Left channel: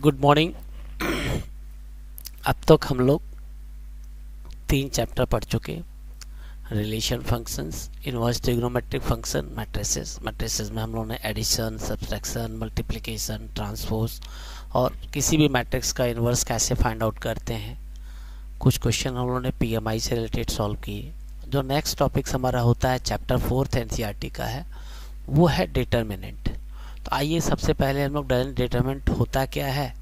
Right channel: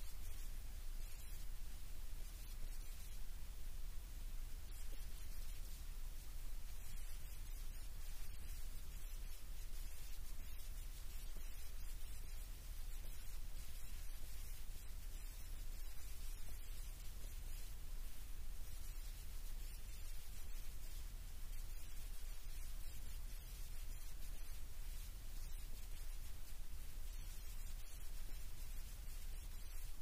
Good morning. अब तक हम लोग 3 चैप्टर पढ़ चुके। Relation functions, inverse trigonometric function, matrices. Matrices में हम लोगों ने एडिशन, सब्सट्रैक्शन, मल्टीप्लिकेशन, ट्रांसपोज और किसी भी मैट्रिक्स का इनवर्स कैसे फाइंड आउट करते हैं। कुछ क्वेश्चन हम लोगों ने पीएमआई से रिलेटेड सॉल्व किए। जो नेक्स्ट टॉपिक्स हमारा होता है चैप्टर 4 एनसीईआरटी का है, वो है डिटर्मिनेंट। तो आइए सबसे पहले हम लोग डिटर्मिनेंट होता क्या है,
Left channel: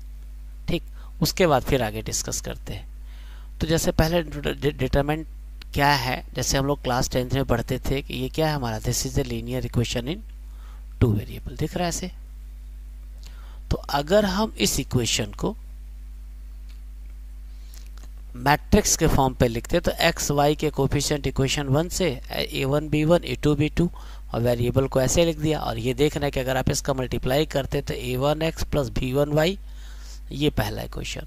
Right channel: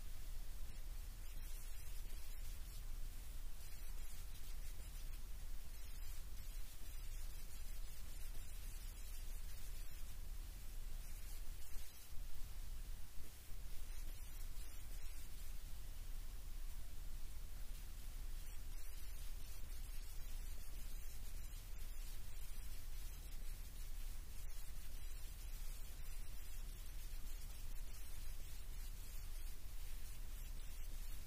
ठीक, उसके बाद फिर आगे डिस्कस करते हैं। तो जैसे पहले डिटरमिनेंट क्या है, जैसे हम लोग क्लास 10th में पढ़ते थे कि ये क्या है हमारा, this is a linear equation in 2 variable. दिख रहा है ऐसे? तो अगर हम इस इक्वेशन को मैट्रिक्स के फॉर्म पे लिखते तो एक्स वाई के कोफिशिएंट इक्वेशन 1 से a1 b1 a2 b2 और वेरिएबल को ऐसे लिख दिया। और ये देखना है कि अगर आप इसका मल्टीप्लाई करते तो a1x प्लस b1y ये पहला इक्वेशन,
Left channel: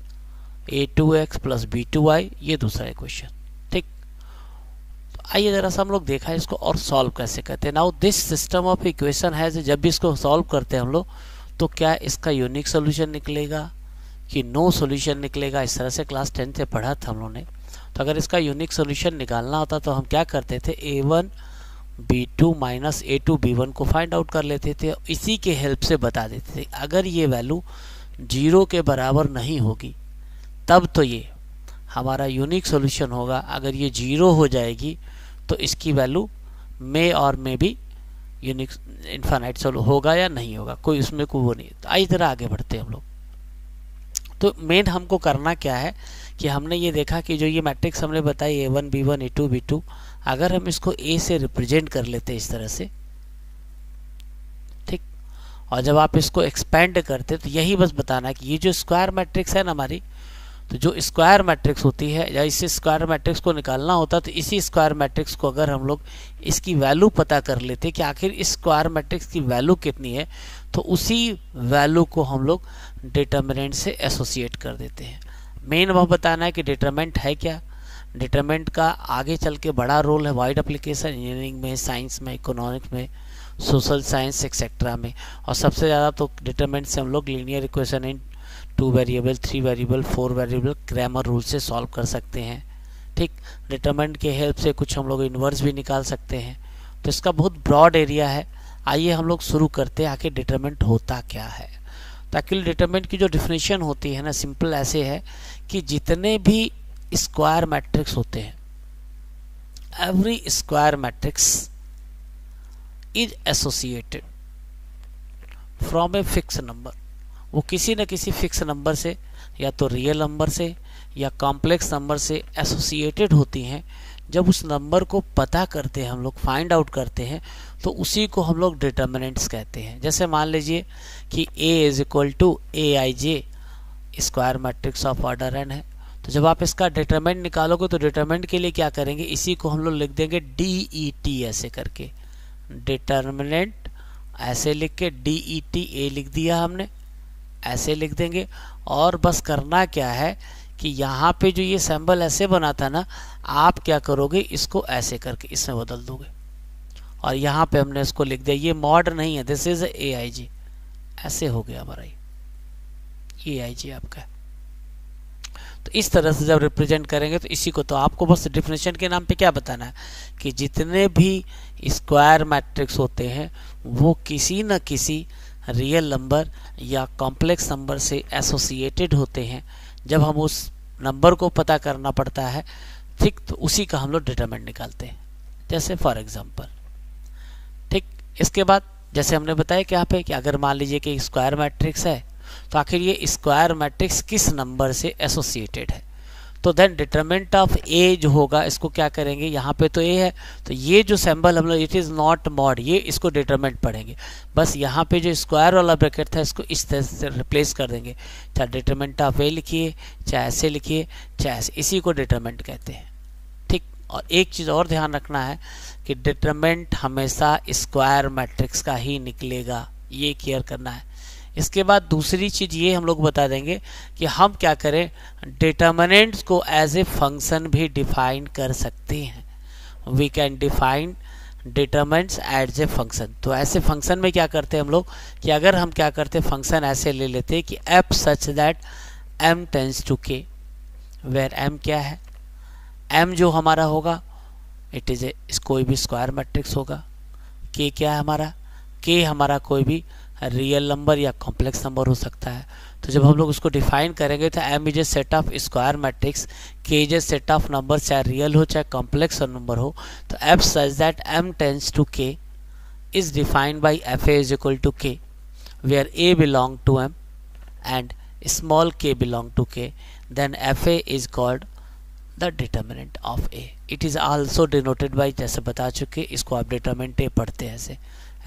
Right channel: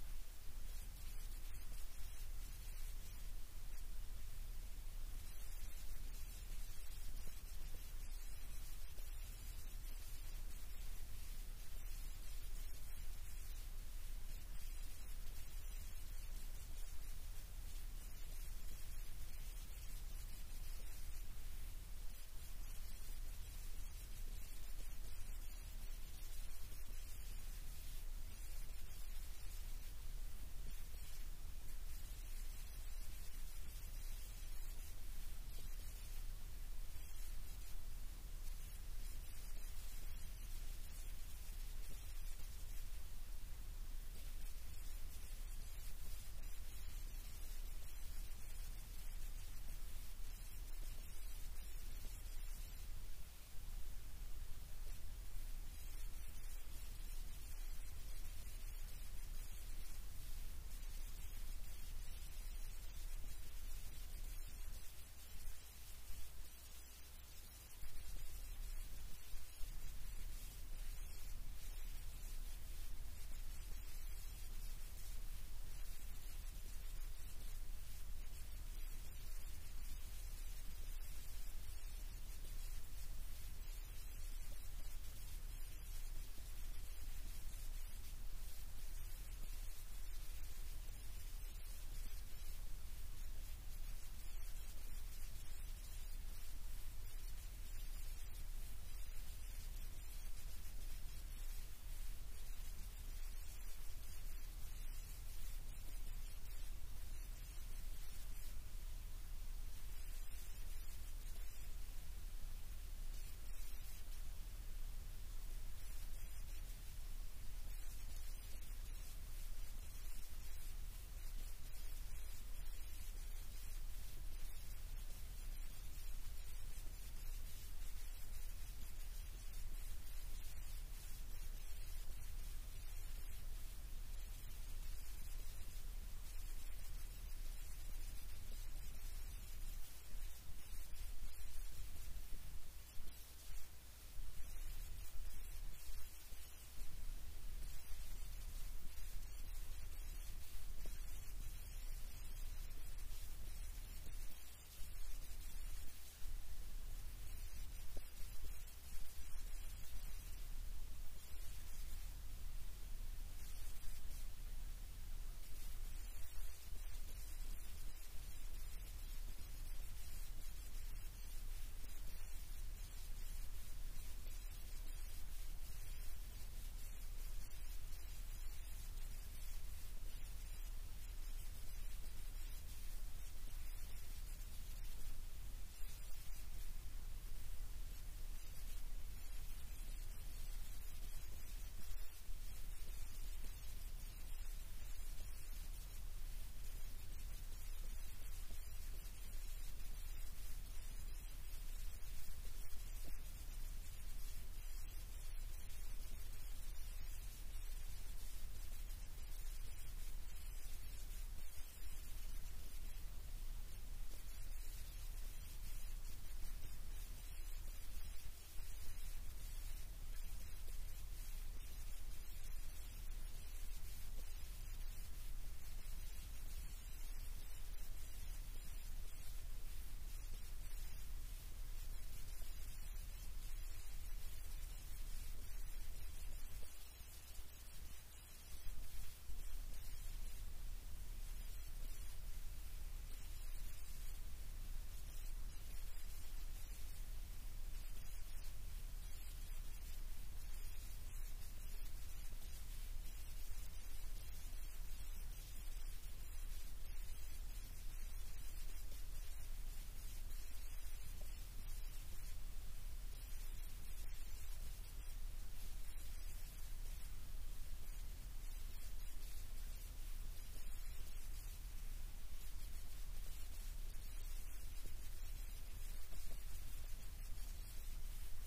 a2x प्लस b2y ये दूसरा इक्वेशन, ठीक। तो आइए जरा सा हम लोग देखा है इसको और सॉल्व कैसे करते हैं। Now this system of equation है, जब भी इसको सॉल्व करते हैं हम लोग तो क्या इसका यूनिक सोल्यूशन निकलेगा कि नो सोल्यूशन निकलेगा, इस तरह से क्लास 10 से पढ़ा था हम लोगों ने। तो अगर इसका यूनिक सोल्यूशन निकालना होता तो हम क्या करते थे, a1 b2 minus a2 b1 को फाइंड आउट कर लेते थे, इसी के हेल्प से बता देते थे। अगर ये वैल्यू 0 के बराबर नहीं होगी तब तो ये हमारा यूनिक सॉल्यूशन होगा। अगर ये 0 हो जाएगी तो इसकी वैल्यू में भी यूनिक इनफाइनाइट सॉल्व होगा या नहीं होगा, कोई उसमें कोई वो नहीं। तो आई तरह आगे बढ़ते हैं हम लोग। तो मेन हमको करना क्या है कि हमने ये देखा कि जो ये मैट्रिक्स हमने बताई a1 b1 a2 b2, अगर हम इसको a से रिप्रेजेंट कर लेते इस तरह से, ठीक, और जब आप इसको एक्सपेंड करते तो यही बस बताना है कि ये जो स्क्वायर मैट्रिक्स है ना हमारी, तो जो स्क्वायर मैट्रिक्स होती है या इस स्क्वायर मैट्रिक्स को निकालना होता तो इसी स्क्वायर मैट्रिक्स को अगर हम लोग इसकी वैल्यू पता कर लेते कि आखिर इस स्क्वायर मैट्रिक्स की वैल्यू कितनी है, तो उसी वैल्यू को हम लोग डिटर्मिनेंट से एसोसिएट कर देते हैं। मेन वह बताना है कि डिटर्मिनेंट है क्या। डिटर्मिनेंट का आगे चल के बड़ा रोल है वाइड एप्लीकेशन, इंजीनियरिंग में, साइंस में, इकोनॉमिक्स में, सोशल साइंस एक्सेट्रा में। और सबसे ज़्यादा तो डिटर्मिनेंट से हम लोग linear equation in 2 variable, 3 variable, 4 variable Cramer rule से सॉल्व कर सकते हैं, ठीक। डिटरमिनेंट के हेल्प से कुछ हम लोग इन्वर्स भी निकाल सकते हैं। तो इसका बहुत ब्रॉड एरिया है। आइए हम लोग शुरू करते हैं आखिर डिटरमिनेंट होता क्या है। तो एक्चुअली डिटरमिनेंट की जो डिफिनेशन होती है ना, सिंपल ऐसे है कि जितने भी स्क्वायर मैट्रिक्स होते हैं, every square matrix is associated from a fix number. वो किसी न किसी फिक्स नंबर से, या तो रियल नंबर से या कॉम्प्लेक्स नंबर से एसोसिएटेड होती हैं। जब उस नंबर को पता करते हैं हम लोग, फाइंड आउट करते हैं, तो उसी को हम लोग डिटर्मिनेंट्स कहते हैं। जैसे मान लीजिए कि a is equal to aij square matrix of order n है। तो जब आप इसका डिटर्मिनेंट निकालोगे तो डिटर्मिनेंट के लिए क्या करेंगे, इसी को हम लोग लिख देंगे DET ऐसे करके, डिटर्मिनेंट ऐसे लिख के DET a लिख दिया हमने, ऐसे लिख देंगे। और बस करना क्या है कि यहाँ पे जो ये सिंबल ऐसे बना था ना, आप क्या करोगे, इसको ऐसे करके इसमें बदल दोगे। और यहाँ पे हमने इसको लिख दिया, ये मॉड नहीं है, दिस इज AIJ, ऐसे हो गया हमारा ये AIJ आपका। तो इस तरह से जब रिप्रेजेंट करेंगे तो इसी को, तो आपको बस डिफिनेशन के नाम पे क्या बताना है कि जितने भी स्क्वायर मैट्रिक्स होते हैं वो किसी न किसी रियल नंबर या कॉम्प्लेक्स नंबर से एसोसिएटेड होते हैं। जब हम उस नंबर को पता करना पड़ता है, ठीक, तो उसी का हम लोग डिटरमिनेंट निकालते हैं। जैसे फॉर एग्जांपल, ठीक। इसके बाद जैसे हमने बताया क्या पे कि अगर मान लीजिए कि स्क्वायर मैट्रिक्स है, तो आखिर ये स्क्वायर मैट्रिक्स किस नंबर से एसोसिएटेड है। तो देन डिटरमिनेंट ऑफ ए जो होगा, इसको क्या करेंगे, यहाँ पे तो ए है, तो ये जो सिंबल हम लोग, इट इज़ नॉट मॉड, ये इसको डिटरमिनेंट पढ़ेंगे। बस यहाँ पे जो स्क्वायर वाला ब्रैकेट था इसको इस तरह से रिप्लेस कर देंगे। चाहे डिटरमिनेंट ऑफ ए लिखिए, चाहे ऐसे लिखिए, चाहे ऐसे, इसी को डिटरमिनेंट कहते हैं, ठीक। और एक चीज़ और ध्यान रखना है कि डिटरमिनेंट हमेशा स्क्वायर मैट्रिक्स का ही निकलेगा, ये क्लियर करना है। इसके बाद दूसरी चीज ये हम लोग बता देंगे कि हम क्या करें, डिटर्मिनेंट्स को एज ए फंक्शन भी डिफाइन कर सकते हैं। We can define determinants as a function. तो ऐसे फंक्शन में क्या करते हैं हम लोग कि अगर हम क्या करते हैं फंक्शन ऐसे ले लेते हैं कि F such that m tends to k, where m क्या है, m जो हमारा होगा इट इज ए कोई भी स्क्वायर मैट्रिक्स होगा, k क्या है हमारा, k हमारा कोई भी रियल नंबर या कॉम्प्लेक्स नंबर हो सकता है। तो जब हम लोग उसको डिफाइन करेंगे तो m is a set of square matrix, k is a set of number चाहे रियल हो चाहे कॉम्प्लेक्स नंबर हो। तो f सच that m tends to k is defined by fa is equal to k, where a belong to m and small k belong to k, then fa is called the determinant of a. It is also denoted by, जैसे बता चुके इसको आप determinant a पढ़ते हैं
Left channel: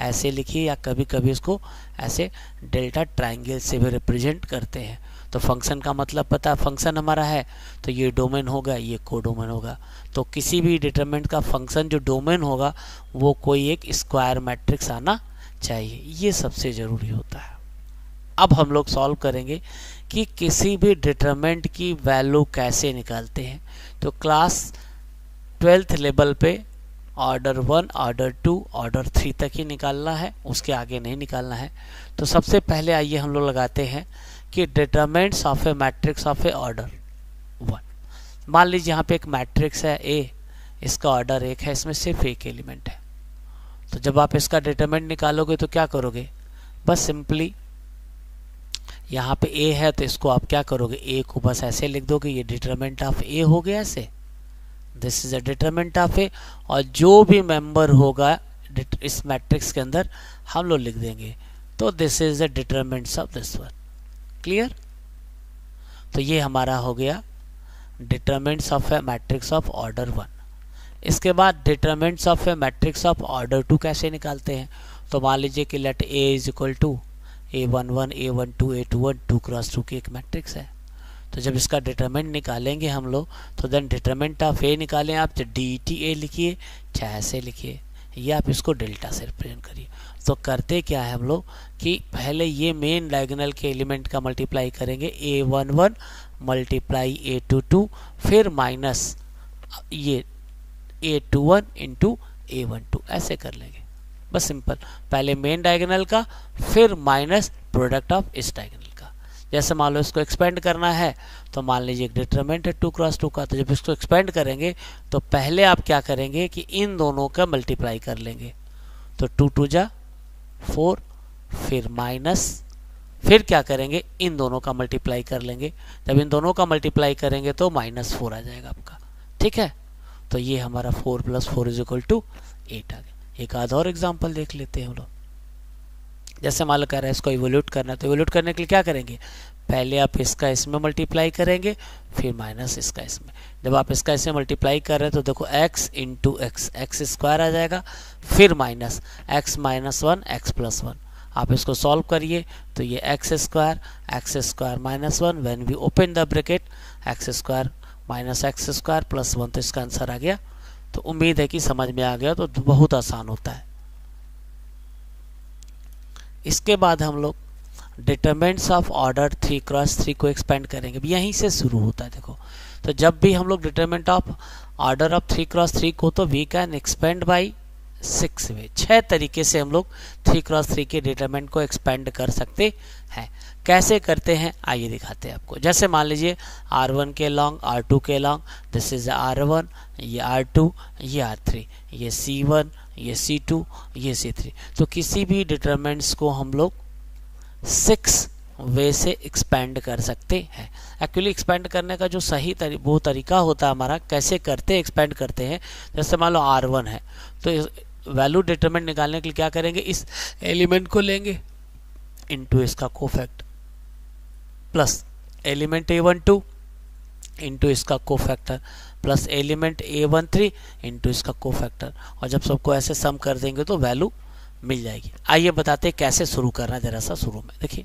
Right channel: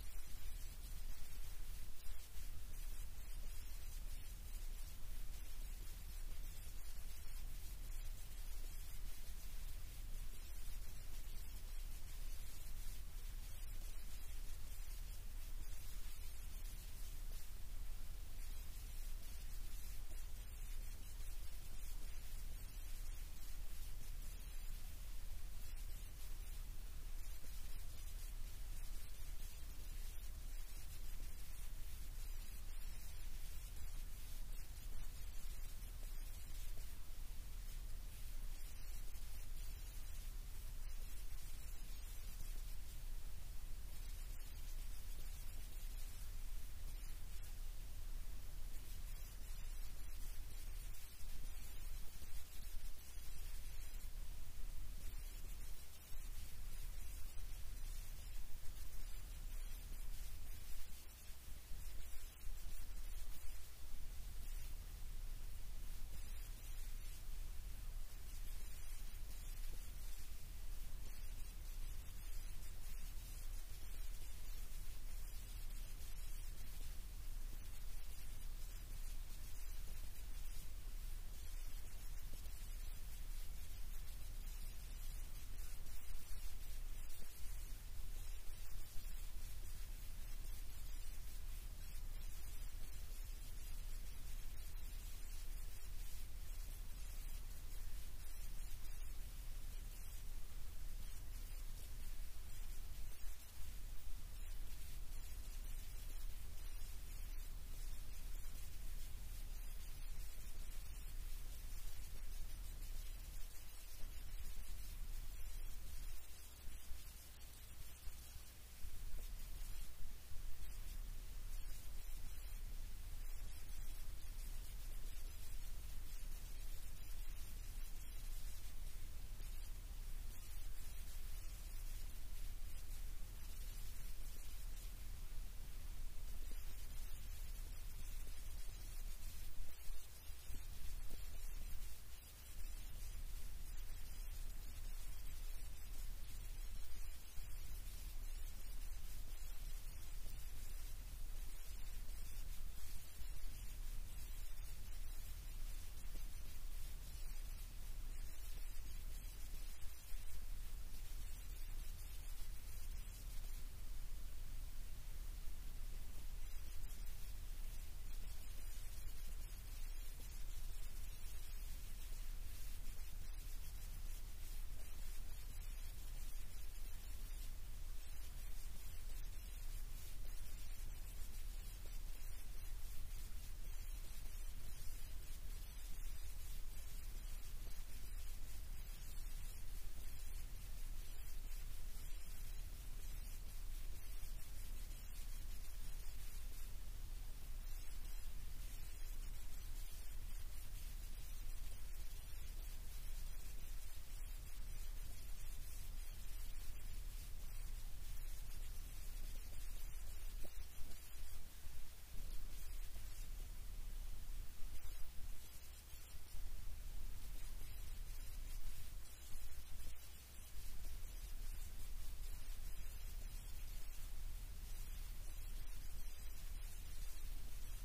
ऐसे लिखिए, या कभी कभी इसको ऐसे डेल्टा ट्रायंगल से भी रिप्रेजेंट करते हैं। तो फंक्शन का मतलब पता, फंक्शन हमारा है तो ये डोमेन होगा, ये कोडोमेन होगा। तो किसी भी डिटरमिनेंट का फंक्शन जो डोमेन होगा वो कोई एक स्क्वायर मैट्रिक्स आना चाहिए, ये सबसे ज़रूरी होता है। अब हम लोग सॉल्व करेंगे कि किसी भी डिटरमिनेंट की वैल्यू कैसे निकालते हैं। तो क्लास 12th लेवल पे ऑर्डर 1, ऑर्डर 2, ऑर्डर 3 तक ही निकालना है, उसके आगे नहीं निकालना है। तो सबसे पहले आइए हम लोग लगाते हैं कि determinants of a matrix of A order 1। मान लीजिए यहाँ पे एक मैट्रिक्स है A, इसका ऑर्डर 1 है, इसमें सिर्फ एक एलिमेंट है। तो जब आप इसका डिटरमिनेंट निकालोगे तो क्या करोगे, बस सिंपली यहाँ पे A है तो इसको आप क्या करोगे, A को बस ऐसे लिख दोगे, ये डिटरमिनेंट ऑफ A हो गया ऐसे, this is a determinant of A। और जो भी मेंबर होगा इस मैट्रिक्स के अंदर हम लोग लिख देंगे, तो this is the determinants of this one. Clear? तो ये हमारा हो गया determinants of a matrix of order 1। इसके बाद determinants of a matrix of order 2 कैसे निकालते हैं। तो मान लीजिए कि let A is equal to A11, A12, A21, 2 cross 2 की एक मैट्रिक्स है। तो जब इसका डिटरमिनेंट निकालेंगे हम लोग तो देन डिटरमिनेंट ऑफ A निकालें आप, तो DTA लिखिए चाहे ऐसे लिखिए, या आप इसको डेल्टा से रिप्रेजेंट करिए। तो करते क्या है हम लोग कि पहले ये मेन डायगोनल के एलिमेंट का मल्टीप्लाई करेंगे, A11 मल्टीप्लाई A22, फिर माइनस ये A21 इंटू A12, ऐसे कर लेंगे बस सिंपल। पहले मेन डायगोनल का फिर माइनस प्रोडक्ट ऑफ इस डायगोनल का। जैसे मान लो इसको एक्सपेंड करना है तो मान लीजिए एक डिटरमिनेंट है 2 क्रॉस 2 का, तो जब इसको एक्सपेंड करेंगे तो पहले आप क्या करेंगे कि इन दोनों का मल्टीप्लाई कर लेंगे। तो 2 2 जा 4, फिर माइनस, फिर क्या करेंगे इन दोनों का मल्टीप्लाई कर लेंगे। जब इन दोनों का मल्टीप्लाई करेंगे तो -4 आ जाएगा आपका। ठीक है, तो ये हमारा 4 + 4 = 8 आ गया। एक आधा और एग्जाम्पल देख लेते हैं हम लोग। जैसे मान लो कह रहा है इसको इवोल्यूट करना है, तो इवोल्यूट करने के लिए क्या करेंगे, पहले आप इसका इसमें मल्टीप्लाई करेंगे, फिर माइनस इसका इसमें। जब आप इसका इसमें मल्टीप्लाई कर रहे हैं तो देखो x इंटू एक्स स्क्वायर आ जाएगा, फिर माइनस x - 1 x + 1। आप इसको सॉल्व करिए तो ये x² -1 when we open the bracket x² - x² + 1, तो इसका आंसर आ गया। तो उम्मीद है कि समझ में आ गया, तो बहुत आसान होता है। इसके बाद हम लोग डिटरमिनेंट्स ऑफ ऑर्डर 3 क्रॉस 3 को एक्सपेंड करेंगे। यहीं से शुरू होता है देखो। तो जब भी हम लोग determinant of order of 3 cross 3 को, तो वी कैन एक्सपेंड बाई 6 वे। 6 तरीके से हम लोग 3 क्रॉस 3 के डिटरमिनेंट को एक्सपेंड कर सकते हैं। कैसे करते हैं आइए दिखाते हैं आपको। जैसे मान लीजिए R1 के लॉन्ग, R2 के लॉन्ग, दिस इज R1, ये R2, ये R3, ये C1, ये C2, ये C3। तो किसी भी डिटरमिनेंट्स को हम लोग 6 वे से एक्सपेंड कर सकते हैं। एक्चुअली एक्सपेंड करने का जो सही वो तरीका होता है हमारा, कैसे करते एक्सपेंड करते हैं। जैसे मान लो R1 है तो वैल्यू डिटरमिनेंट निकालने के लिए क्या करेंगे, इस एलिमेंट को लेंगे इनटू इसका cofactor plus element A12 into इसका cofactor plus element A13 into इसका कोफैक्टर, और जब सबको ऐसे सम कर देंगे तो वैल्यू मिल जाएगी। आइए बताते हैं कैसे शुरू करना है। जरा सा शुरू में देखिए,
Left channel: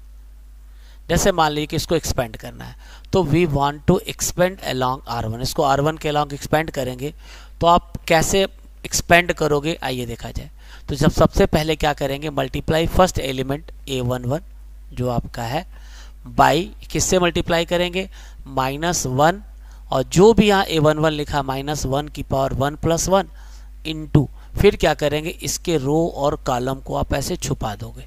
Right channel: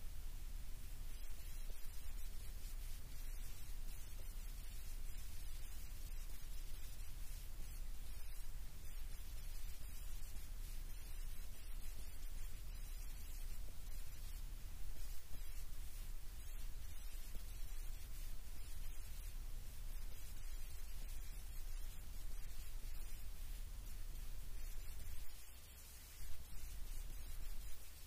जैसे मान लीजिए कि इसको एक्सपेंड करना है, तो we want to expand along R1। इसको R1 के अलोंग एक्सपेंड करेंगे तो आप कैसे एक्सपेंड करोगे आइए देखा जाए। तो जब सबसे पहले क्या करेंगे, मल्टीप्लाई फर्स्ट एलिमेंट A11 जो आपका है बाई किससे मल्टीप्लाई करेंगे, -1, और जो भी यहाँ A11 लिखा -1 की पावर 1 + 1 इंटू फिर क्या करेंगे, इसके रो और कॉलम को आप ऐसे छुपा दोगे।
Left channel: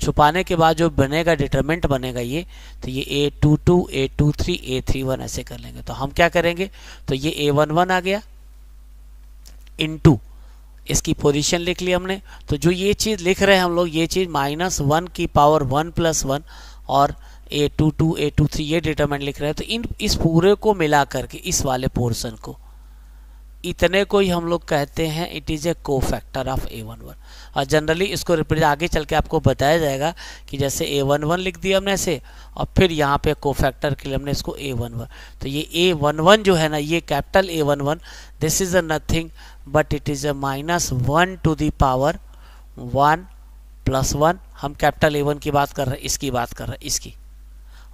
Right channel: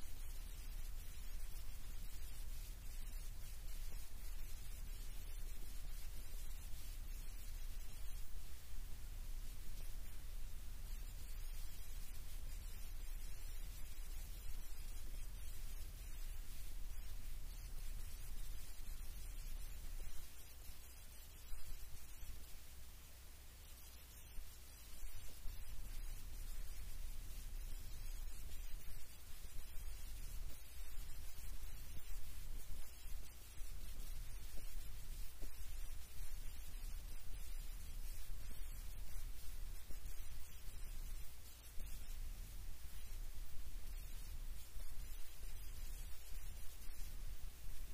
छुपाने के बाद जो बनेगा डिटरमिनेंट बनेगा ये, तो ये A22, A23, A31 ऐसे कर लेंगे। तो हम क्या करेंगे, तो ये A11 आ गया इनटू इसकी पोजीशन लिख ली हमने। तो जो ये चीज़ लिख रहे हैं हम लोग, ये चीज़ -1 की पावर 1 + 1 और A22, A23 ये डिटरमिनेंट लिख रहे हैं। तो इस पूरे को मिला करके इस वाले पोर्शन को, इतने को ही हम लोग कहते हैं it is a cofactor of A11। और जनरली इसको रिप्रेजेंट आगे चल के आपको बताया जाएगा कि जैसे A11 लिख दिया हमने ऐसे, और फिर यहाँ पे कोफैक्टर के लिए हमने इसको A11। तो ये A11 जो है ना, ये capital A11, this is a nothing but it is a -1 to the power 1 + 1। हम कैपिटल A1 की बात कर रहे हैं, इसकी बात कर रहे हैं, इसकी।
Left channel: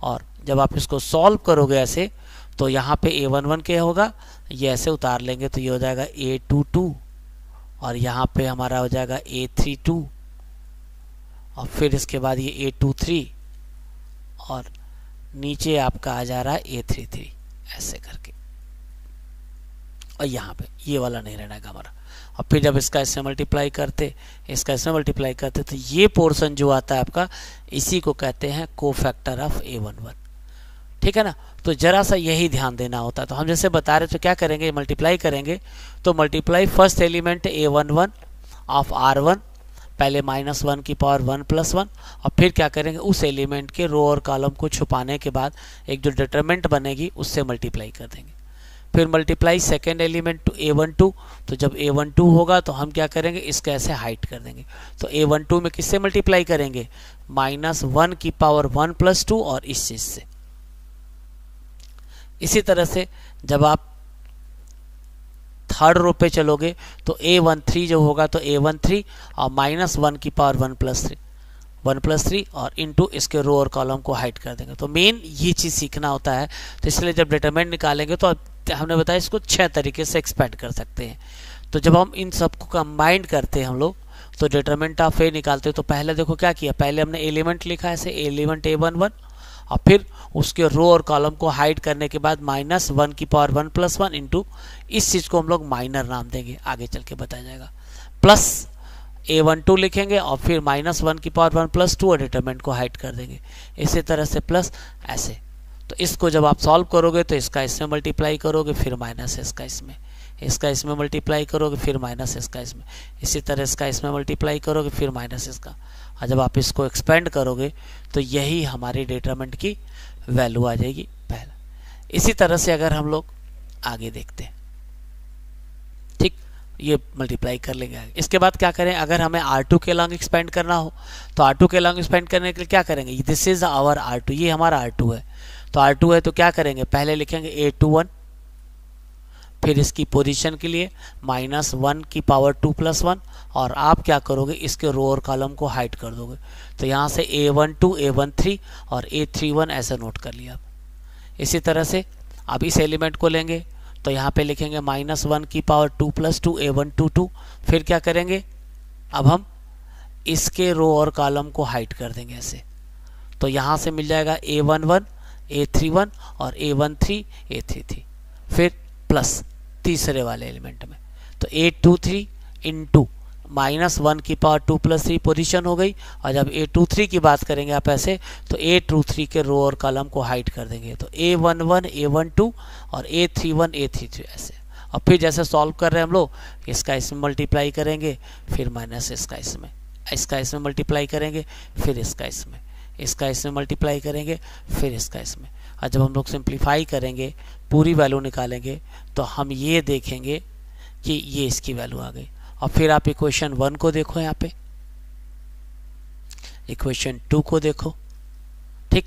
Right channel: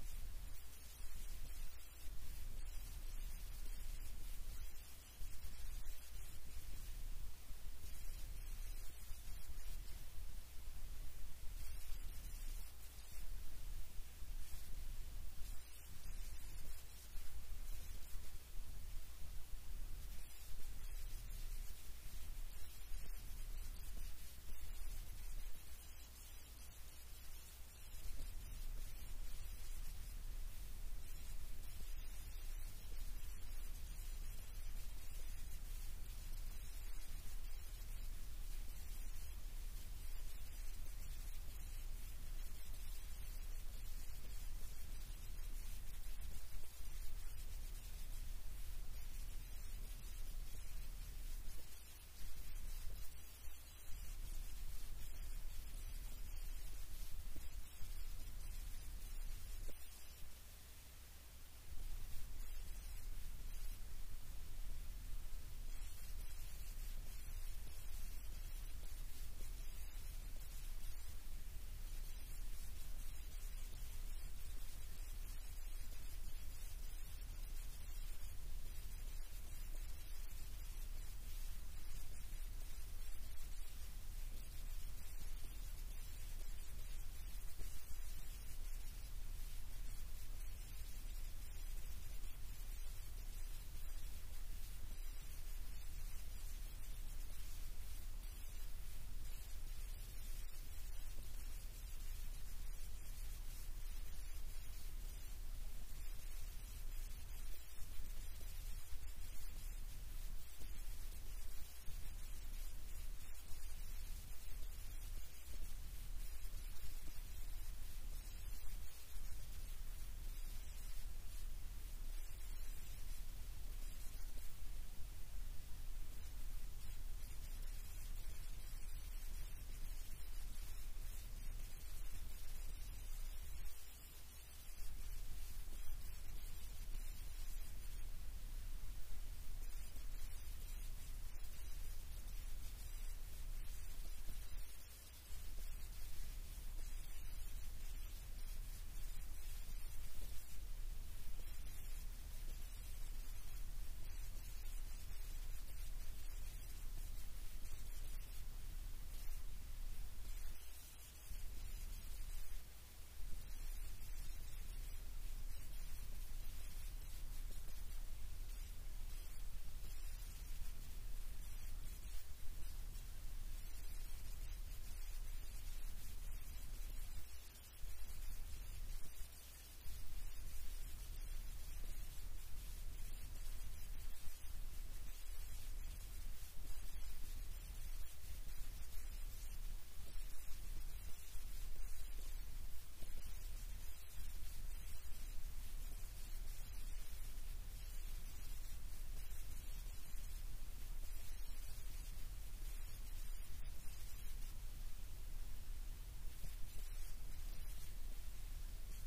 और जब आप इसको सॉल्व करोगे ऐसे, तो यहाँ पे A11 क्या होगा, ये ऐसे उतार लेंगे तो ये हो जाएगा A22, और यहाँ पे हमारा हो जाएगा A32, और फिर इसके बाद ये A23, और नीचे आपका आ जा रहा है A33 ऐसे करके, और यहाँ पे ये वाला नहीं रहना है हमारा। और फिर जब इसका इससे मल्टीप्लाई करते, इसका इसमें मल्टीप्लाई करते, तो ये पोर्शन जो आता है आपका, इसी को कहते हैं कोफैक्टर ऑफ A11। ठीक है ना। तो जरा सा यही ध्यान देना होता है। तो हम जैसे बता रहे, तो क्या करेंगे, मल्टीप्लाई करेंगे। तो multiply first element A11 of R1, पहले -1 की पावर 1 + 1, और फिर क्या करेंगे, उस एलिमेंट के रो और कॉलम को छुपाने के बाद एक जो डिटरमिनेंट बनेगी उससे मल्टीप्लाई कर देंगे। फिर multiply second element to A12, तो जब A12 होगा तो हम क्या करेंगे, इसका ऐसे हाइट कर देंगे। तो A12 में किससे मल्टीप्लाई करेंगे, -1 की पावर 1 + 2 और इस चीज से। इसी तरह से जब आप थर्ड रो पे चलोगे तो A13 जो होगा, तो A13 और -1 की पावर 1 + 3 और इनटू इसके रो और कॉलम को हाइड कर देंगे। तो मेन ये चीज़ सीखना होता है। तो इसलिए जब डिटरमिनेंट निकालेंगे तो हमने बताया इसको 6 तरीके से एक्सपेंड कर सकते हैं। तो जब हम इन सबको कंबाइंड करते हैं हम लोग, तो डिटरमिनेंट ऑफ A निकालते हैं। तो पहले देखो क्या किया, पहले हमने एलिमेंट लिखा ऐसे, एलिमेंट A11, और फिर उसके रो और कॉलम को हाइड करने के बाद -1 की पावर 1 + 1 इंटू इस चीज़ को हम लोग माइनर नाम देंगे, आगे चल के बताया जाएगा, प्लस A12 लिखेंगे और फिर -1 की पावर 1 + 2 और डिटरमिनेंट को हाइड कर देंगे। इसी तरह से प्लस ऐसे। तो इसको जब आप सॉल्व करोगे तो इसका इसमें मल्टीप्लाई करोगे, फिर माइनस इसका इसमें, इसका इसमें मल्टीप्लाई करोगे, फिर माइनस इसका इसमें, इसी तरह इसका इसमें मल्टीप्लाई करोगे, फिर माइनस इसका। और जब आप इसको एक्सपेंड करोगे तो यही हमारी डिटरमिनेंट की वैल्यू आ जाएगी पहला। इसी तरह से अगर हम लोग आगे देखते हैं, ठीक, ये मल्टीप्लाई कर लेंगे। इसके बाद क्या करें, अगर हमें R2 के लॉन्ग एक्सपेंड करना हो तो R2 के लॉन्ग एक्सपेंड करने के लिए क्या करेंगे, दिस इज आवर R2, ये हमारा R2 है। तो R2 है तो क्या करेंगे, पहले लिखेंगे A21, फिर इसकी पोजीशन के लिए -1 की पावर 2 + 1, और आप क्या करोगे, इसके रो और कॉलम को हाइड कर दोगे। तो यहाँ से A12, A13 और A31 ऐसा नोट कर लिया आप। इसी तरह से अब इस एलिमेंट को लेंगे तो यहाँ पे लिखेंगे -1 की पावर 2 + 2 A122, फिर क्या करेंगे, अब हम इसके रो और कॉलम को हाइड कर देंगे ऐसे। तो यहाँ से मिल जाएगा A11, A31 और A13, A33, फिर प्लस तीसरे वाले एलिमेंट में, तो A23 इंटू -1 की पावर 2 + 3 पोजीशन हो गई। और जब A23 की बात करेंगे आप ऐसे, तो A23 के रो और कॉलम को हाइड कर देंगे। तो A11, A12 और A31, A33 ऐसे। और फिर जैसे सॉल्व कर रहे हैं हम लोग, इसका इसमें मल्टीप्लाई करेंगे, फिर माइनस इसका इसमें, इसका इसमें मल्टीप्लाई करेंगे, फिर इसका इसमें, इसका इसमें मल्टीप्लाई करेंगे, फिर इसका इसमें। और जब हम लोग सिंप्लीफाई करेंगे, पूरी वैल्यू निकालेंगे, तो हम ये देखेंगे कि ये इसकी वैल्यू आ गई। और फिर आप इक्वेशन 1 को देखो, यहाँ पे इक्वेशन 2 को देखो, ठीक।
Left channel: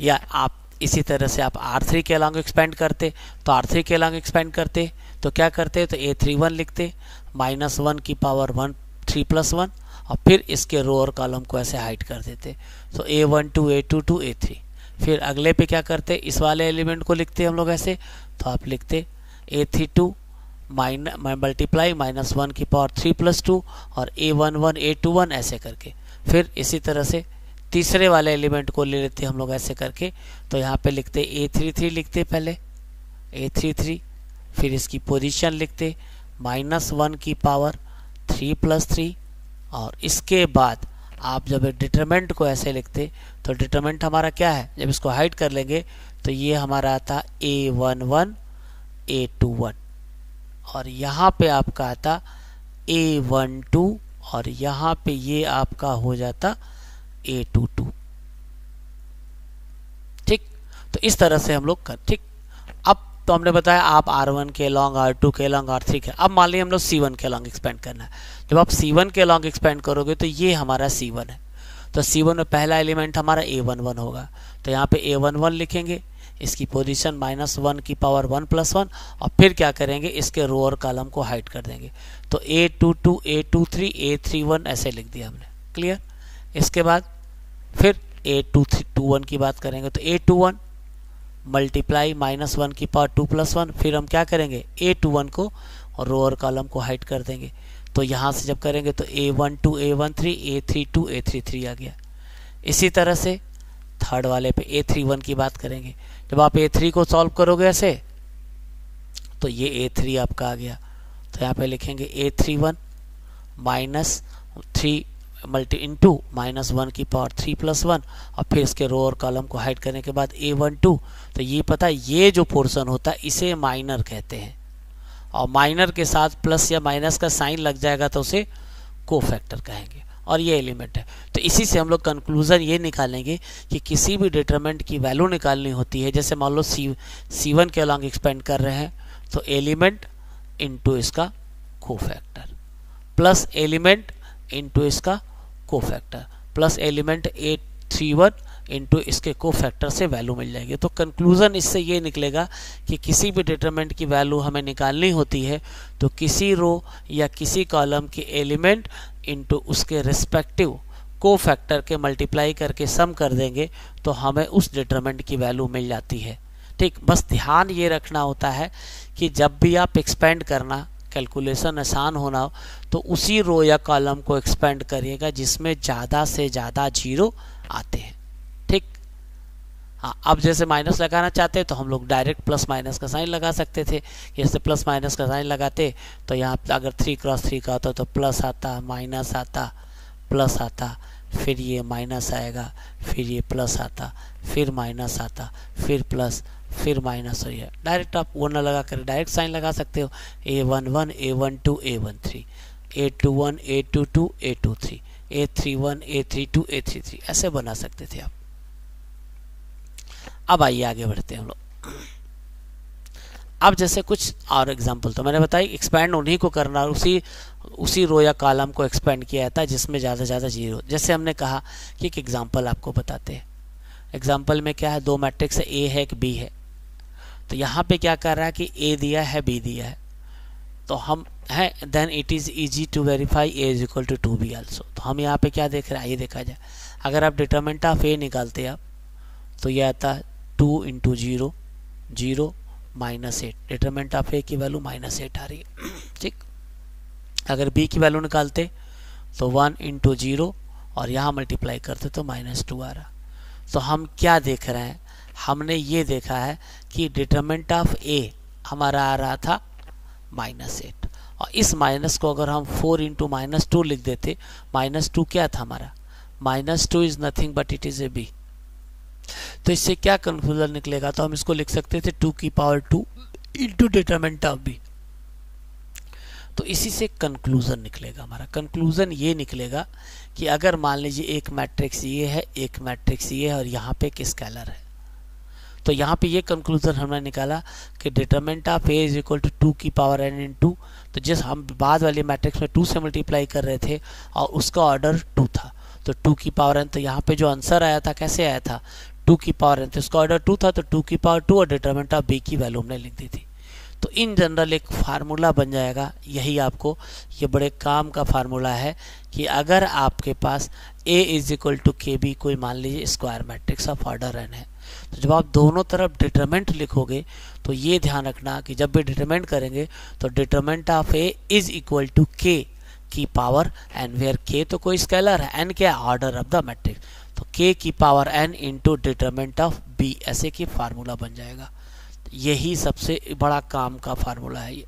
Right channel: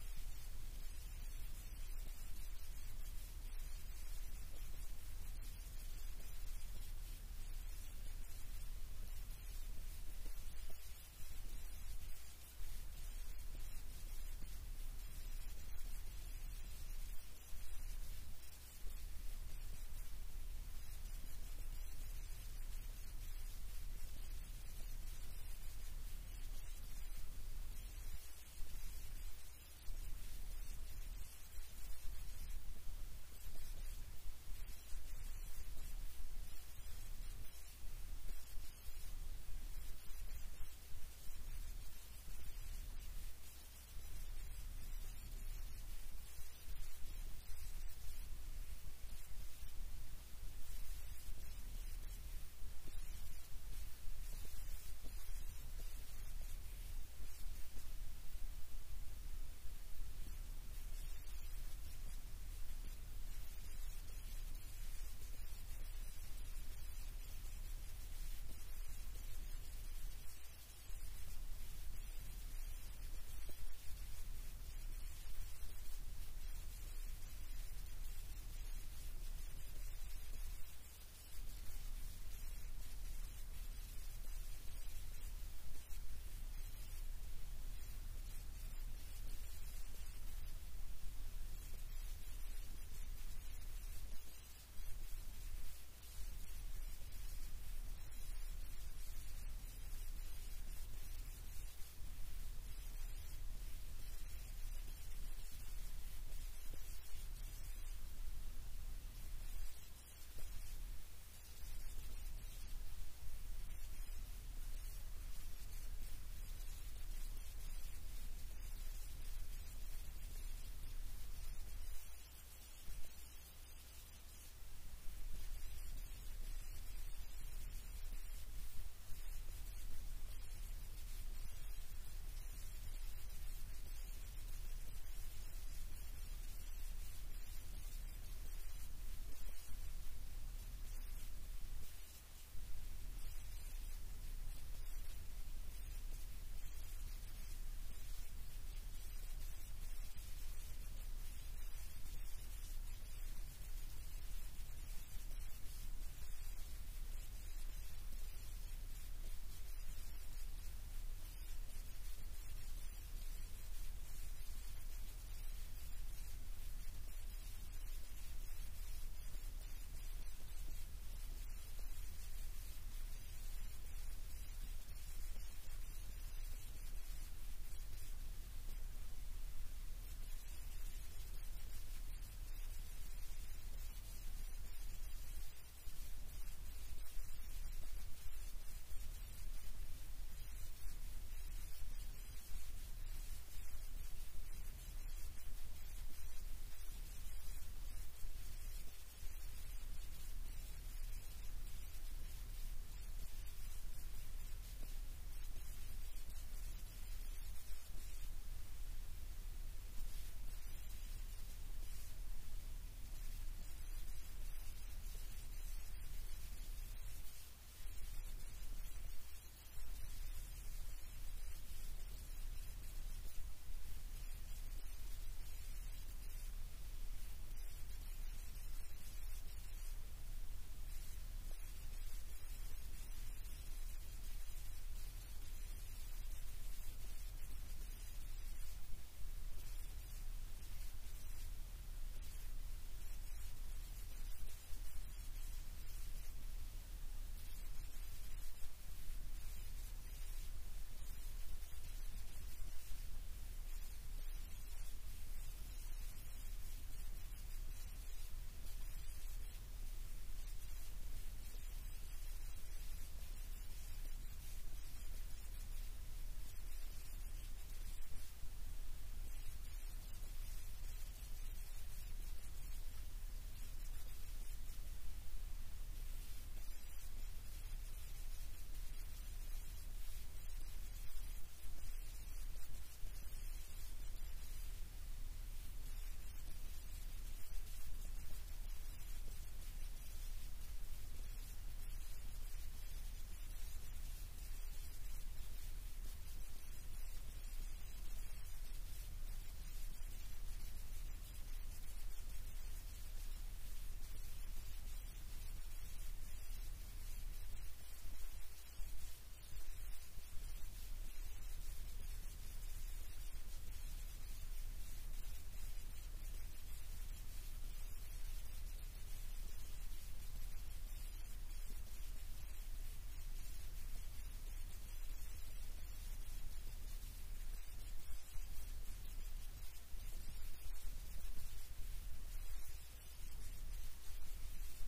या आप इसी तरह से आप R3 के अलॉन्ग एक्सपेंड करते, तो R3 के अलॉन्ग एक्सपेंड करते तो क्या करते, तो A31 लिखते, -1 की पावर 1 3 + 1, और फिर इसके रो और कॉलम को ऐसे हाइड कर देते। तो A12, A22, A3। फिर अगले पे क्या करते, इस वाले एलिमेंट को लिखते हम लोग ऐसे, तो आप लिखते A32 मल्टीप्लाई -1 की पावर 3 + 2 और A11, A21 ऐसे करके। फिर इसी तरह से तीसरे वाले एलिमेंट को ले लेते हम लोग ऐसे करके। तो यहाँ पे लिखते A33 लिखते, पहले A33, फिर इसकी पोजीशन लिखते -1 की पावर 3+3, और इसके बाद आप जब डिटरमिनेंट को ऐसे लिखते तो डिटरमिनेंट हमारा क्या है, जब इसको हाइड कर लेंगे तो ये हमारा आता A11 A21, और यहाँ पे आपका आता A12, और यहाँ पे ये आपका हो जाता A22। ठीक, तो इस तरह से हम लोग कर, ठीक। अब तो हमने बताया आप R1 के लॉन्ग, R2 के लॉन्ग, R3 के, अब मान लीजिए हम लोग C1 के लॉन्ग एक्सपेंड करना है। जब आप C1 के लॉन्ग एक्सपेंड करोगे तो ये हमारा C1 है, तो C1 में पहला एलिमेंट हमारा A11 होगा, तो यहाँ पे A11 लिखेंगे, इसकी पोजीशन -1 की पावर 1+1, और फिर क्या करेंगे, इसके रो और कॉलम को हाइड कर देंगे, तो A22 A23 A31 ऐसे लिख दिया हमने। क्लियर। इसके बाद फिर A21 की बात करेंगे तो A21 मल्टीप्लाई -1 की पावर 2+1, फिर हम क्या करेंगे, A21 को और रो और कॉलम को हाइड कर देंगे, तो यहाँ से जब करेंगे तो A12 A13 A32 A33 आ गया। इसी तरह से थर्ड वाले पे A31 की बात करेंगे, जब आप A3 को सॉल्व करोगे ऐसे तो ये A3 आपका आ गया, तो यहाँ पे लिखेंगे A31 -3 मल्टी इंटू -1 की पावर 3+1, और फिर इसके रो और कॉलम को हाइड करने के बाद A12, तो ये पता है ये जो पोर्शन होता है इसे माइनर कहते हैं, और माइनर के साथ प्लस या माइनस का साइन लग जाएगा तो उसे कोफैक्टर कहेंगे, और ये एलिमेंट है। तो इसी से हम लोग कंक्लूजन ये निकालेंगे कि किसी भी डिटरमिनेंट की वैल्यू निकालनी होती है, जैसे मान लो C1 के अलॉन्ग एक्सपेंड कर रहे हैं, तो एलिमेंट इनटू इसका कोफैक्टर प्लस एलिमेंट इनटू इसका cofactor plus element A31 into इसके कोफैक्टर से वैल्यू मिल जाएगी। तो कंक्लूजन इससे ये निकलेगा कि किसी भी डिटरमिनेंट की वैल्यू हमें निकालनी होती है तो किसी रो या किसी कॉलम के एलिमेंट इनटू उसके रिस्पेक्टिव कोफैक्टर के मल्टीप्लाई करके सम कर देंगे तो हमें उस डिटरमिनेंट की वैल्यू मिल जाती है। ठीक, बस ध्यान ये रखना होता है कि जब भी आप एक्सपेंड करना, कैलकुलेशन आसान होना हो, तो उसी रो या कॉलम को एक्सपेंड करिएगा जिसमें ज़्यादा से ज़्यादा जीरो आते हैं। ठीक, हाँ, अब जैसे माइनस लगाना चाहते हैं तो हम लोग डायरेक्ट प्लस माइनस का साइन लगा सकते थे। जैसे प्लस माइनस का साइन लगाते तो यहाँ अगर 3×3 का होता तो प्लस आता, माइनस आता, प्लस आता, फिर ये माइनस आएगा, फिर ये प्लस आता, फिर माइनस आता, फिर प्लस, फिर माइनस हो गया। डायरेक्ट आप वो ना लगा कर डायरेक्ट साइन लगा सकते हो, A11 A12 A13 A21 A22 A23 A31 A32 A33 ऐसे बना सकते थे आप। अब आइए आगे बढ़ते हैं हम लोग। अब जैसे कुछ और एग्जांपल तो मैंने बताई, एक्सपैंड उन्हीं को करना, उसी रो या कॉलम को एक्सपेंड किया जाता है जिसमें ज़्यादा से ज़्यादा जीरो। जैसे हमने कहा कि एक एग्जांपल आपको बताते हैं। एग्जांपल में क्या है, दो मैट्रिक्स है, ए है एक बी है। तो यहाँ पे क्या कर रहा है कि ए दिया है बी दिया है, तो हम है then it is easy to verify A is equal to 2b also. तो हम यहाँ पे क्या देख रहे हैं, आइए देखा जाए। अगर आप डिटरमिनेंट ऑफ ए निकालते आप तो यह आता है 2 × 0 0 -8। डिटरमिनेंट ऑफ ए की वैल्यू -8 आ रही है। ठीक, अगर बी की वैल्यू निकालते तो 1 × 0 और यहाँ मल्टीप्लाई करते तो -2 आ रहा। तो हम क्या देख रहे हैं, हमने ये देखा है कि डिटरमिनेंट ऑफ ए हमारा आ रहा था -8, और इस माइनस को अगर हम 4 × -2 लिख देते, -2 क्या था हमारा, -2 is nothing but it is A B. तो इससे क्या कंक्लूजन निकलेगा, तो हम इसको लिख सकते थे 2 की power 2 into determinant of B. तो इसी से कंक्लूजन निकलेगा हमारा। कंक्लूजन ये निकलेगा कि अगर मान लीजिए एक मैट्रिक्स ये है, एक मैट्रिक्स ये है, और यहाँ पे एक स्केलर है, तो यहाँ पे ये कंक्लूजन हमने निकाला कि determinant of A is equal to 2 की पावर n इंटू, तो जिस हम बाद वाले मैट्रिक्स में 2 से मल्टीप्लाई कर रहे थे और उसका ऑर्डर 2 था, तो 2 की पावर n, तो यहाँ पे जो आंसर आया था कैसे आया था, 2 की पावर n, तो इसका ऑर्डर 2 था, तो 2 की पावर 2 और डिटरमिनेंट ऑफ बी की वैल्यू हमने लिख दी थी। तो इन जनरल एक फार्मूला बन जाएगा, यही आपको ये बड़े काम का फार्मूला है कि अगर आपके पास a इज इक्वल टू के बी कोई मान लीजिए square matrix of order n है, तो जब आप दोनों तरफ डिटरमिनेंट लिखोगे तो ये ध्यान रखना कि जब भी डिटरमिनेंट करेंगे तो determinant of a is equal to k की पावर n, वेयर k तो कोई स्केलर है, n क्या ऑर्डर ऑफ द मैट्रिक्स, तो k की power n into determinant of b, ऐसे की फार्मूला बन जाएगा। यही सबसे बड़ा काम का फार्मूला है ये।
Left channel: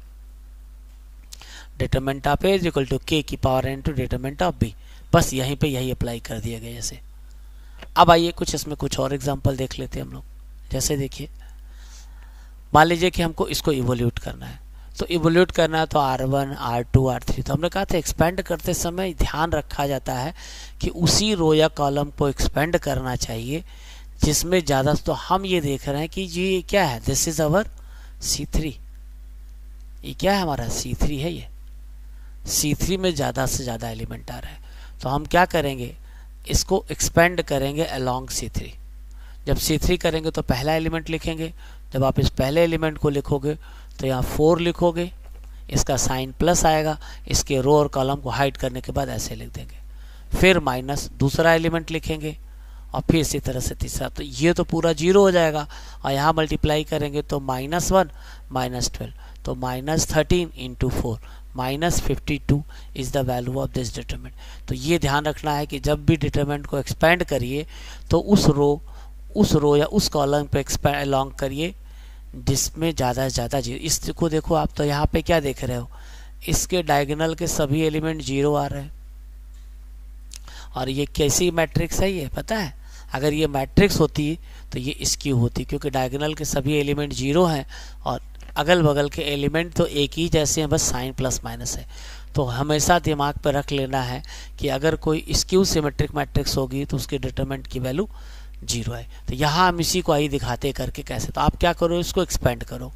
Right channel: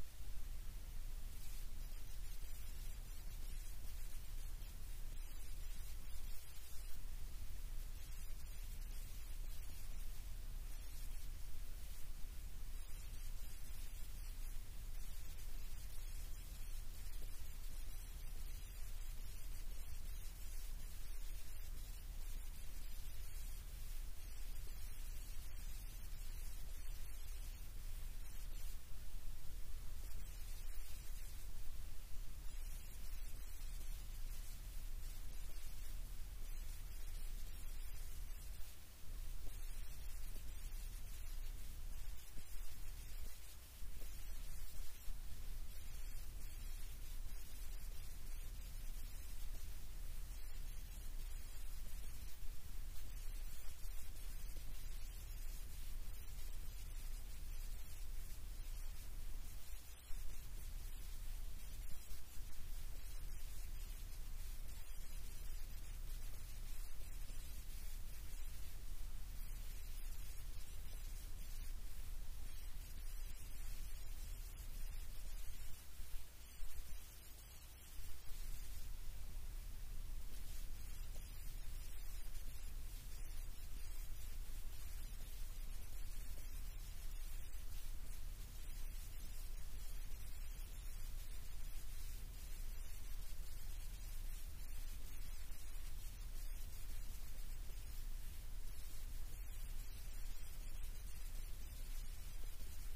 Determinant of A is equal to K की power N to determinant of B. बस यहीं पे यही अप्लाई कर दिया गया जैसे। अब आइए कुछ इसमें कुछ और एग्जांपल देख लेते हैं हम लोग। जैसे देखिए, मान लीजिए कि हमको इसको इवोल्यूट करना है, तो इवोल्यूट करना है तो R1 R2 R3, तो हमने कहा था एक्सपेंड करते समय ध्यान रखा जाता है कि उसी रो या कॉलम को एक्सपेंड करना चाहिए जिसमें ज़्यादा। तो हम ये देख रहे हैं कि ये क्या है, दिस इज अवर C3, ये क्या है हमारा C3 है। ये C3 में ज़्यादा से ज़्यादा एलिमेंट आ रहा है, तो हम क्या करेंगे, इसको एक्सपेंड करेंगे अलोंग C3। जब C3 करेंगे तो पहला एलिमेंट लिखेंगे, जब आप इस पहले एलिमेंट को लिखोगे तो यहाँ 4 लिखोगे, इसका साइन प्लस आएगा, इसके रो और कॉलम को हाइड करने के बाद ऐसे लिख देंगे, फिर माइनस दूसरा एलिमेंट लिखेंगे और फिर इसी तरह से तीसरा। तो ये तो पूरा 0 हो जाएगा और यहाँ मल्टीप्लाई करेंगे तो -1 -12, तो -13 × 4 -52 is the value of this determinant. तो ये ध्यान रखना है कि जब भी डिटरमिनेंट को एक्सपेंड करिए तो उस रो या उस कॉलम पे एक्सपेंड अलोंग करिए जिसमें ज़्यादा से ज़्यादा 0। इसको देखो आप, तो यहाँ पे क्या देख रहे हो, इसके डायगोनल के सभी एलिमेंट 0 आ रहे हैं। और ये कैसी मैट्रिक्स है ये पता है, अगर ये मैट्रिक्स होती तो ये स्क्यू होती, क्योंकि डायगोनल के सभी एलिमेंट 0 हैं और अगल बगल के एलिमेंट तो एक ही जैसे हैं, बस साइन प्लस माइनस है। तो हमेशा दिमाग पर रख लेना है कि अगर कोई स्क्यू सिमेट्रिक मैट्रिक्स होगी तो उसके डिटरमिनेंट की वैल्यू 0 है। तो यहाँ हम इसी को आई दिखाते करके कैसे, तो आप क्या करो, इसको एक्सपेंड करो,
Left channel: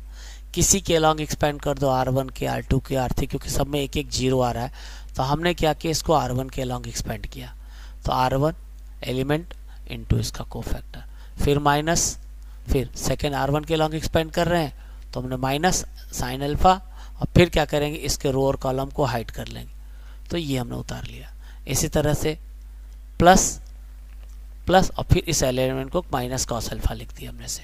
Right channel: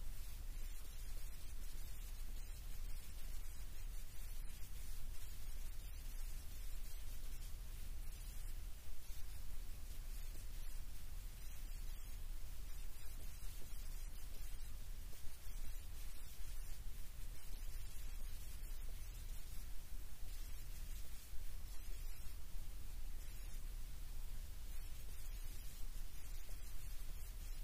किसी के अलॉन्ग एक्सपेंड कर दो, R1 के R2 के R3, क्योंकि सब में एक एक 0 आ रहा है। तो हमने क्या किया, इसको R1 के अलॉन्ग एक्सपेंड किया, तो R1 एलिमेंट इंटू इसका कोफैक्टर, फिर माइनस, फिर सेकेंड R1 के अलॉन्ग एक्सपेंड कर रहे हैं तो हमने माइनस साइन अल्फा, और फिर क्या करेंगे, इसके रो और कॉलम को हाइड कर लेंगे, तो ये हमने उतार लिया। इसी तरह से प्लस प्लस और फिर इस एलिमेंट को माइनस कॉस अल्फा लिख दिया हमने से,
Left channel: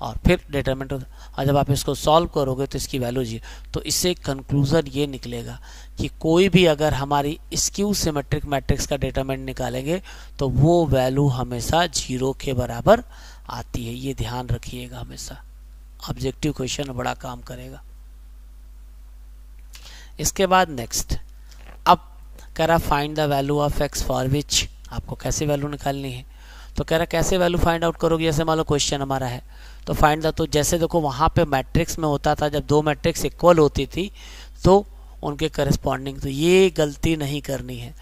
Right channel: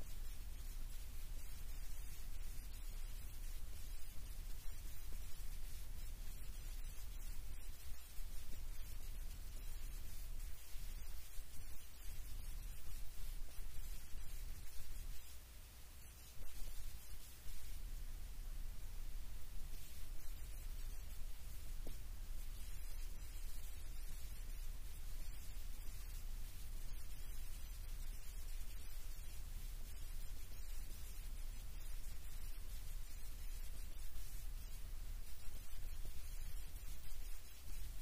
और फिर डिटरमिनेंट। और जब आप इसको सॉल्व करोगे तो इसकी वैल्यू 0। तो इससे कंक्लूजन ये निकलेगा कि कोई भी अगर हमारी स्क्यू सिमेट्रिक मैट्रिक्स का डिटरमिनेंट निकालेंगे तो वो वैल्यू हमेशा 0 के बराबर आती है। ये ध्यान रखिएगा हमेशा, ऑब्जेक्टिव क्वेश्चन बड़ा काम करेगा। इसके बाद नेक्स्ट, अब कह रहा find the value of x for which, आपको कैसे वैल्यू निकालनी है। तो कह रहा कैसे वैल्यू फाइंड आउट करोगे, जैसे मान लो क्वेश्चन हमारा है तो फाइंड द, तो जैसे देखो वहाँ पे मैट्रिक्स में होता था जब 2 मैट्रिक्स इक्वल होती थी तो उनके करस्पॉन्डिंग, तो ये गलती नहीं करनी है।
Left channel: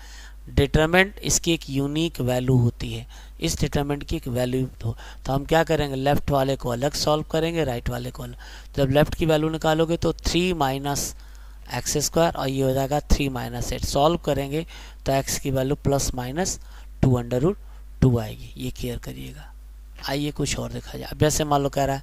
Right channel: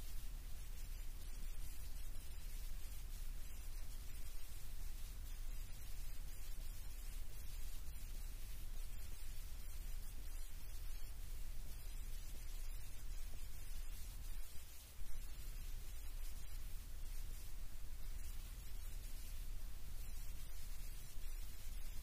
डिटरमिनेंट इसकी एक यूनिक वैल्यू होती है, इस डिटरमिनेंट की एक वैल्यू हो, तो हम क्या करेंगे, लेफ्ट वाले को अलग सॉल्व करेंगे, राइट वाले को अलग। जब लेफ्ट की वैल्यू निकालोगे तो 3 माइनस एक्स स्क्वायर और ये हो जाएगा 3 माइनस 8, सॉल्व करेंगे तो x की वैल्यू +-2√2 आएगी। ये क्लियर करिएगा। आइए कुछ और देखा जाए। अब जैसे मान लो कह रहा है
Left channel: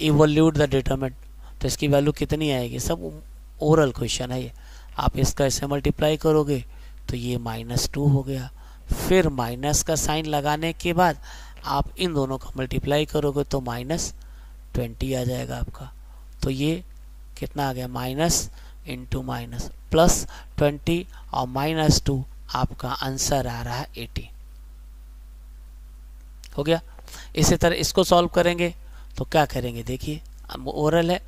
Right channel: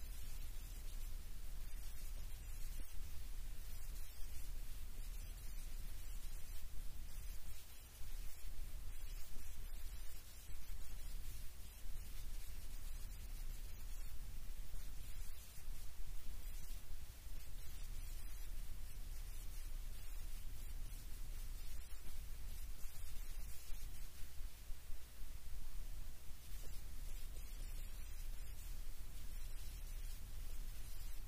इवोल्यूट द डिटरमिनेंट, तो इसकी वैल्यू कितनी आएगी, सब ओरल क्वेश्चन है ये। आप इसका ऐसे मल्टीप्लाई करोगे तो ये -2 हो गया, फिर माइनस का साइन लगाने के बाद आप इन दोनों का मल्टीप्लाई करोगे तो -20 आ जाएगा आपका। तो ये कितना आ गया, माइनस इंटू माइनस +20 और -2, आपका आंसर आ रहा है 80। हो गया। इसी तरह इसको सॉल्व करेंगे तो क्या करेंगे, देखिए ओरल है,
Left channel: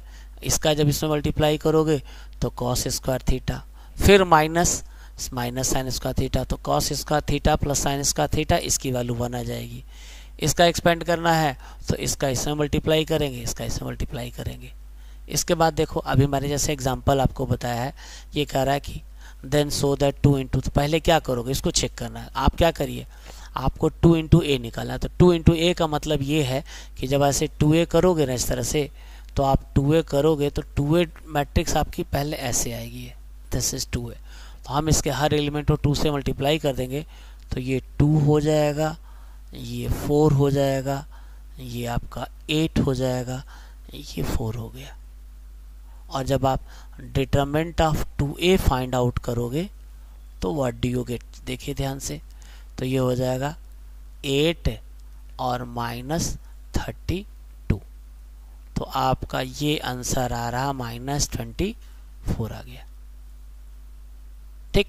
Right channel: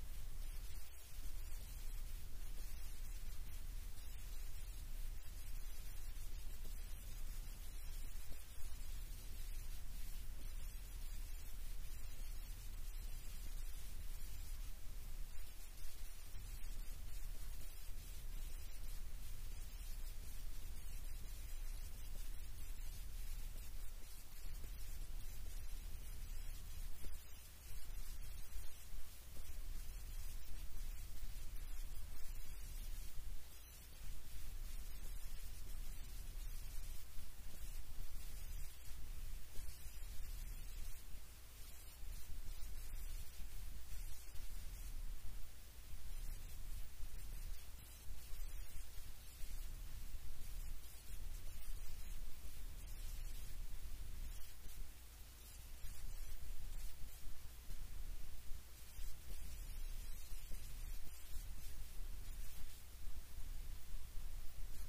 इसका जब इसमें मल्टीप्लाई करोगे तो cos स्क्वायर थीटा, फिर माइनस साइन स्क्वायर थीटा, तो cos square theta plus sine square theta, इसकी वैल्यू 1 आ जाएगी। इसका एक्सपेंड करना है तो इसका इसमें मल्टीप्लाई करेंगे, इसका इसमें मल्टीप्लाई करेंगे। इसके बाद देखो अभी मैंने जैसे एग्जांपल आपको बताया है, ये कह रहा है कि देन सो दैट 2 × तो पहले क्या करोगे, इसको चेक करना है। आप क्या करिए, आपको 2 × a निकालना है। तो 2 × a का मतलब ये है कि जब ऐसे 2a करोगे ना इस तरह से, तो आप 2a करोगे तो 2a मैट्रिक्स आपकी पहले ऐसे आएगी, दिस इज 2a। तो हम इसके हर एलिमेंट को 2 से मल्टीप्लाई कर देंगे तो ये 2 हो जाएगा, ये 4 हो जाएगा, ये आपका 8 हो जाएगा, ये 4 हो गया। और जब आप determinant of 2a find out करोगे तो व्हाट डू यू गेट, देखिए ध्यान से, तो ये हो जाएगा 8 और -32, तो आपका ये आंसर आ रहा -24 आ गया। ठीक,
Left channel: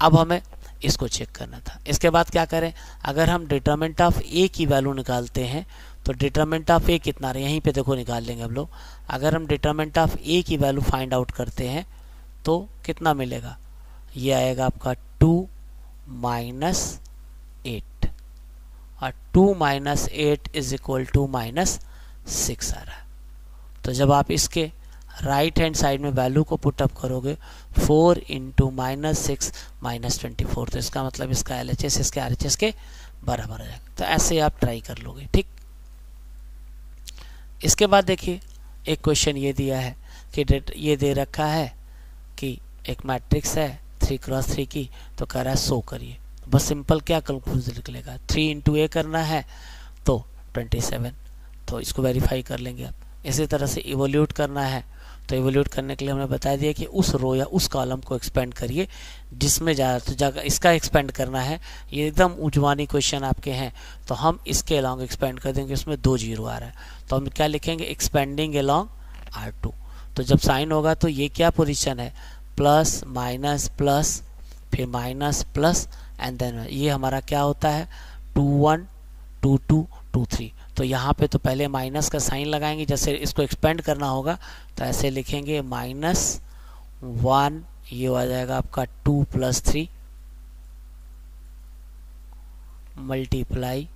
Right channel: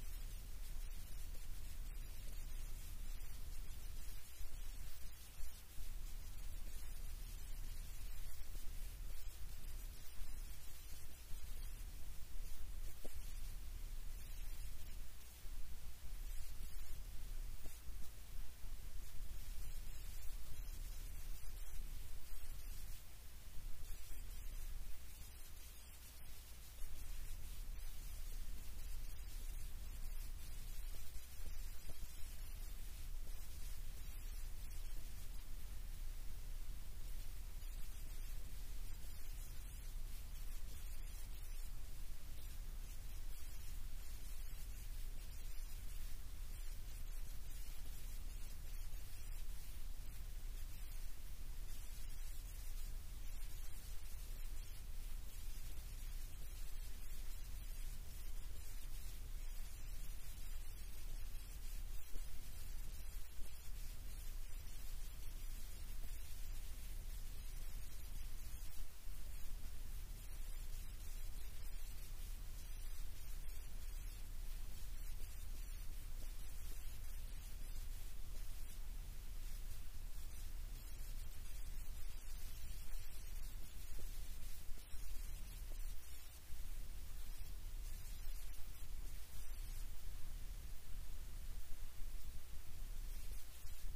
अब हमें इसको चेक करना था। इसके बाद क्या करें, अगर हम डिटरमिनेंट ऑफ a की वैल्यू निकालते हैं तो डिटरमिनेंट ऑफ a कितना रहा, यहीं पे देखो निकाल लेंगे हम लोग। अगर हम डिटरमिनेंट ऑफ a की वैल्यू फाइंड आउट करते हैं तो कितना मिलेगा, ये आएगा आपका 2 माइनस 8 और 2 minus 8 is equal to minus 6 आ रहा है। तो जब आप इसके राइट हैंड साइड में वैल्यू को पुटअप करोगे 4 इंटू माइनस 6 माइनस 24, तो इसका मतलब इसका LHS इसके RHS के बराबर आ जाएगा। तो ऐसे आप ट्राई कर लोगे, ठीक। इसके बाद देखिए एक क्वेश्चन ये दिया है कि ये दे रखा है कि एक मैट्रिक्स है 3x3 की, तो कह रहा है शो करिए। बस सिंपल क्या कंक्लूजन निकलेगा, 3 इंटू ए करना है तो 27, तो इसको वेरीफाई कर लेंगे आप। इसी तरह से इवोल्यूट करना है, तो इवोल्यूट करने के लिए हमने बता दिया कि उस रो या उस कॉलम को एक्सपेंड करिए जिसमें ज़्यादा, तो जगह इसका एक्सपेंड करना है। ये एकदम उजवानी क्वेश्चन आपके हैं, तो हम इसके अलॉन्ग एक्सपेंड कर देंगे, उसमें 2 जीरो आ रहा है, तो हम क्या लिखेंगे, एक्सपेंडिंग अलॉन्ग R2। तो जब साइन होगा तो ये क्या पोजीशन है, प्लस माइनस प्लस फिर माइनस प्लस एंड देन ये हमारा क्या होता है 2 1 2 2 2 3। तो यहाँ पे तो पहले माइनस का साइन लगाएंगे, जैसे इसको एक्सपेंड करना होगा तो ऐसे लिखेंगे -1, ये हो जाएगा आपका 2 + 3 मल्टीप्लाई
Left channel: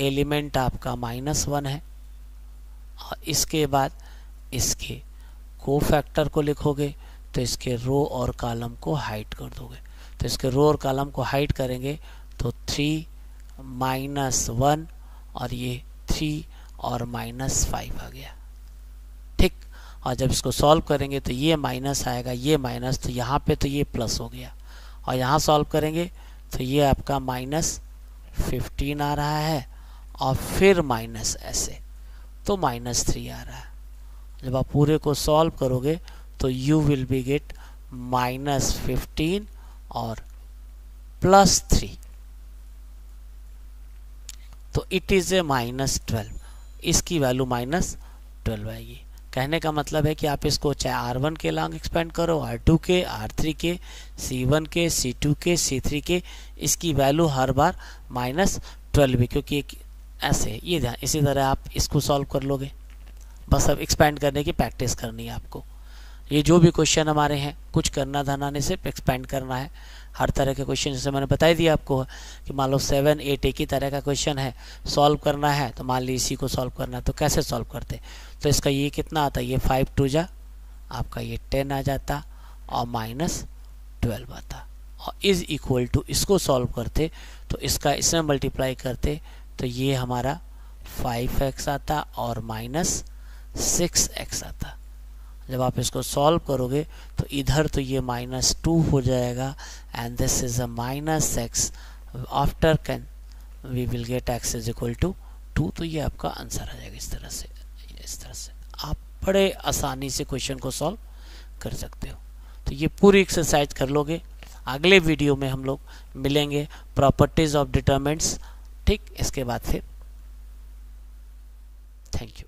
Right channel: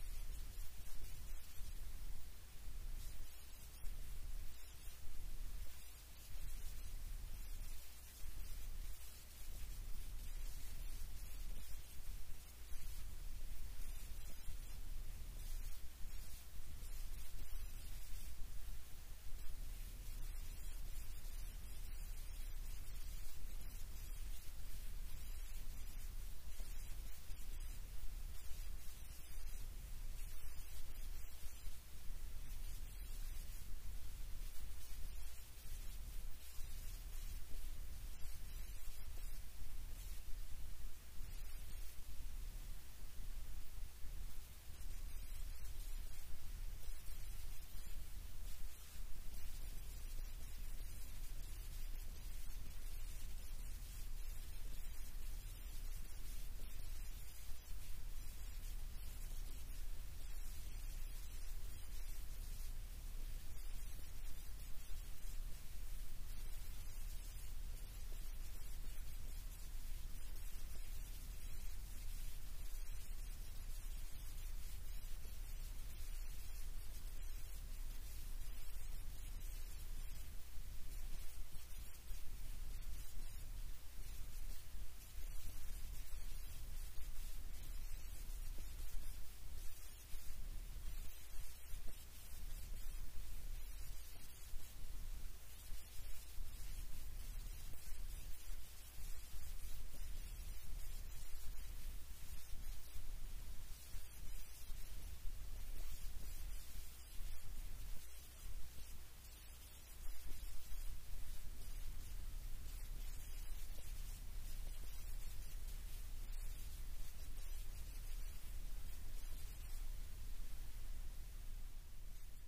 एलिमेंट आपका -1 है, और इसके बाद इसके कोफैक्टर को लिखोगे तो इसके रो और कॉलम को हाइड कर दोगे। तो इसके रो और कॉलम को हाइड करेंगे तो 3 -1 और ये 3 और -5 आ गया, ठीक। और जब इसको सॉल्व करेंगे तो ये माइनस आएगा, ये माइनस, तो यहाँ पे तो ये प्लस हो गया, और यहाँ सॉल्व करेंगे तो ये आपका -15 आ रहा है और फिर माइनस ऐसे, तो -3 आ रहा है। जब आप पूरे को सॉल्व करोगे तो यू विल बी गेट -15 और +3, तो इट इज ए -12, इसकी वैल्यू -12 आएगी। कहने का मतलब है कि आप इसको चाहे R1 के लॉन्ग एक्सपेंड करो, R2 के, R3 के, C1 के, C2 के, C3 के, इसकी वैल्यू हर बार -12 भी, क्योंकि ऐसे ये ध्यान, इसी तरह आप इसको सॉल्व कर लोगे। बस अब एक्सपेंड करने की प्रैक्टिस करनी है आपको। ये जो भी क्वेश्चन हमारे हैं, कुछ करना धरना नहीं, सिर्फ एक्सपेंड करना है। हर तरह के क्वेश्चन, जैसे मैंने बता दिया आपको कि मान लो 7 8 एक ही तरह का क्वेश्चन है, सॉल्व करना है, तो मान लीजिए इसी को सॉल्व करना है, तो कैसे सॉल्व करते, तो इसका ये कितना आता है, ये 5 2 जा आपका ये 10 आ जाता और -12 आता, और इज इक्वल टू इसको सॉल्व करते तो इसका इसमें मल्टीप्लाई करते तो ये हमारा 5x आता और -6x आता। जब आप इसको सॉल्व करोगे तो इधर तो ये -2 हो जाएगा and this is a -x, after can we will get x is equal to 2, तो ये आपका आंसर आ जाएगा। इस तरह से आप बड़े आसानी से क्वेश्चन को सॉल्व कर सकते हो। तो ये पूरी एक्सरसाइज कर लोगे। अगले वीडियो में हम लोग मिलेंगे प्रॉपर्टीज ऑफ डिटरमिनेंट्स, ठीक। इसके बाद फिर थैंक यू।